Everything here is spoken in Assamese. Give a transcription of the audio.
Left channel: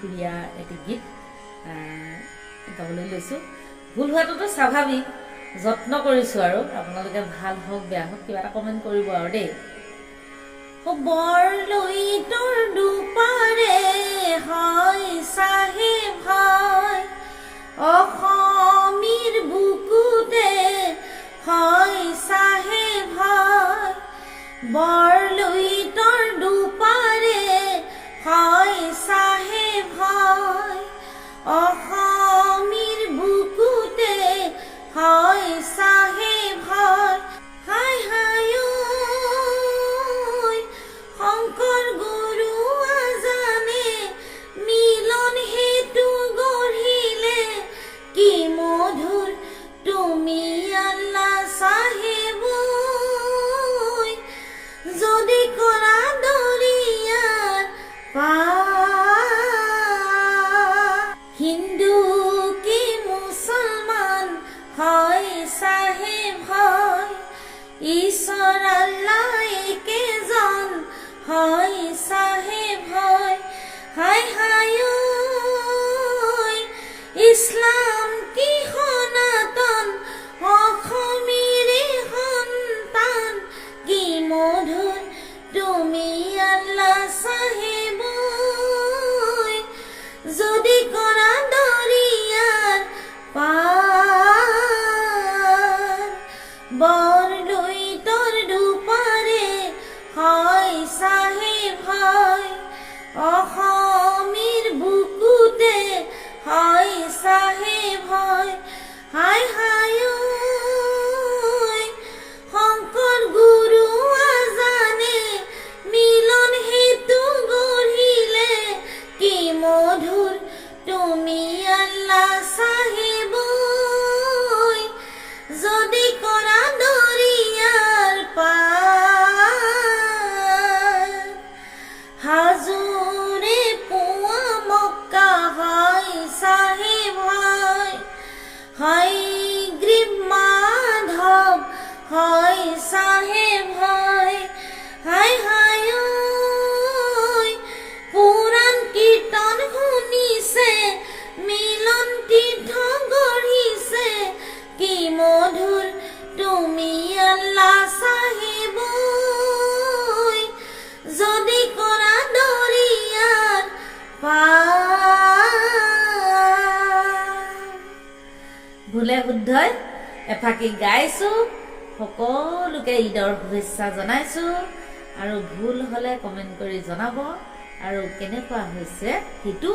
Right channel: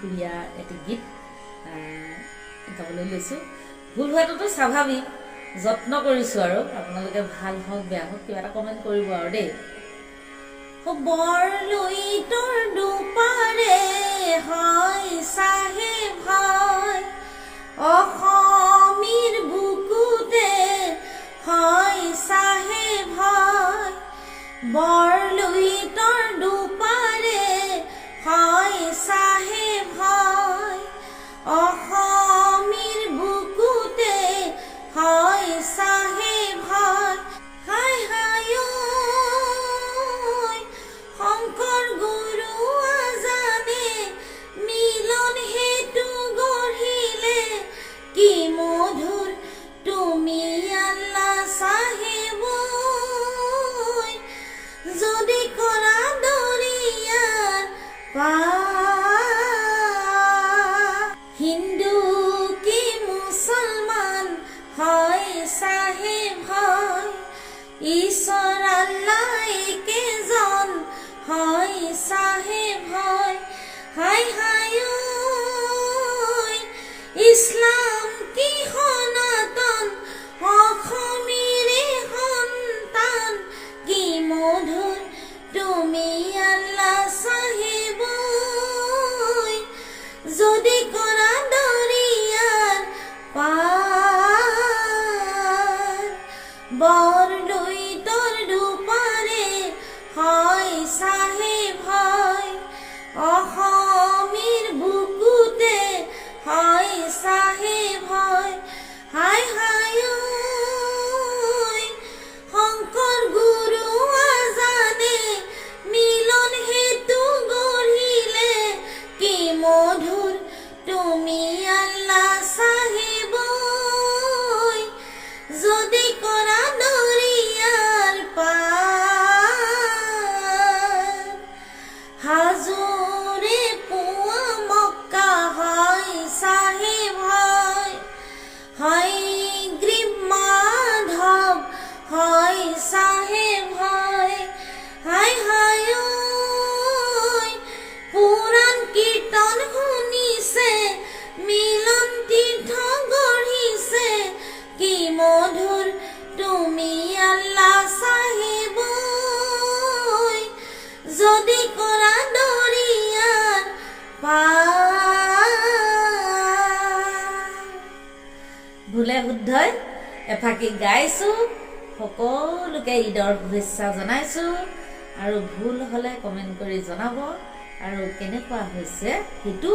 প্ৰিয়া এটি গীত গাবলৈ লৈছোঁ। ভুল হোৱাটোতো স্বাভাৱিক, যত্ন কৰিছোঁ আৰু আপোনালোকে ভাল হওক বেয়া হওক কিবা এটা কমেণ্ট কৰিব আৰু দেই। বৰলুইতৰ দুপাৰে হয় চাহেব হয়, অসমীৰ বুকুতে হয় চাহেব হয়। বৰলুইতৰ দুপাৰে হয় চাহেব হয়, অসমীৰ বুকুতে হয় চাহেব হয়। হাই হাই শংকৰ গুৰু আজানে মিলন হেতু গঢ়িলে, কি মধুৰ তুমি আল্লাহ চাহেব। যদি কৰা দৰিয়াৰ পাৰ, হিন্দু কি মুছলমান হয় চাহেব হয়, ঈশ্বৰ আল্লাহ একেজন হয় চাহেব হয়। হাই হাই ইছলাম কি সনাতন, অসমীৰে সন্তান, কি মধুৰ তুমি আল্লাহ চাহেব। যদি কৰা দৰিয়াৰ পাৰ, বৰলুইতৰ দুপাৰে হয় চাহেব হয়, অসমীৰ বুকুতে হয় চাহেব হয়। হাই হাই শংকৰ গুৰু আজানে মিলন হেতু গঢ়িলে, কি মধুৰ তুমি আল্লাহ চাহেব। যদি কৰা দৰিয়াৰ পাৰ, হাজোৰে পুৱা মক্কা হয় চাহেব হয়, হয়গ্ৰীৱ মাধৱ হয় চাহেব হয়। হাই হাই পুৰাণ কীৰ্তন শুনিছে, মিলন তীৰ্থ গঢ়িছে, কি মধুৰ তুমি আল্লাহ চাহেব। যদি কৰা দৰিয়াৰ পাৰ। ভুলে শুদ্ধই এফাকি গাইছো, সকলোকে ঈদৰ শুভেচ্ছা জনাইছো, আৰু ভুল হলে কমেণ্ট কৰি জনাব, আৰু কেনেকুৱা হৈছে সেইটো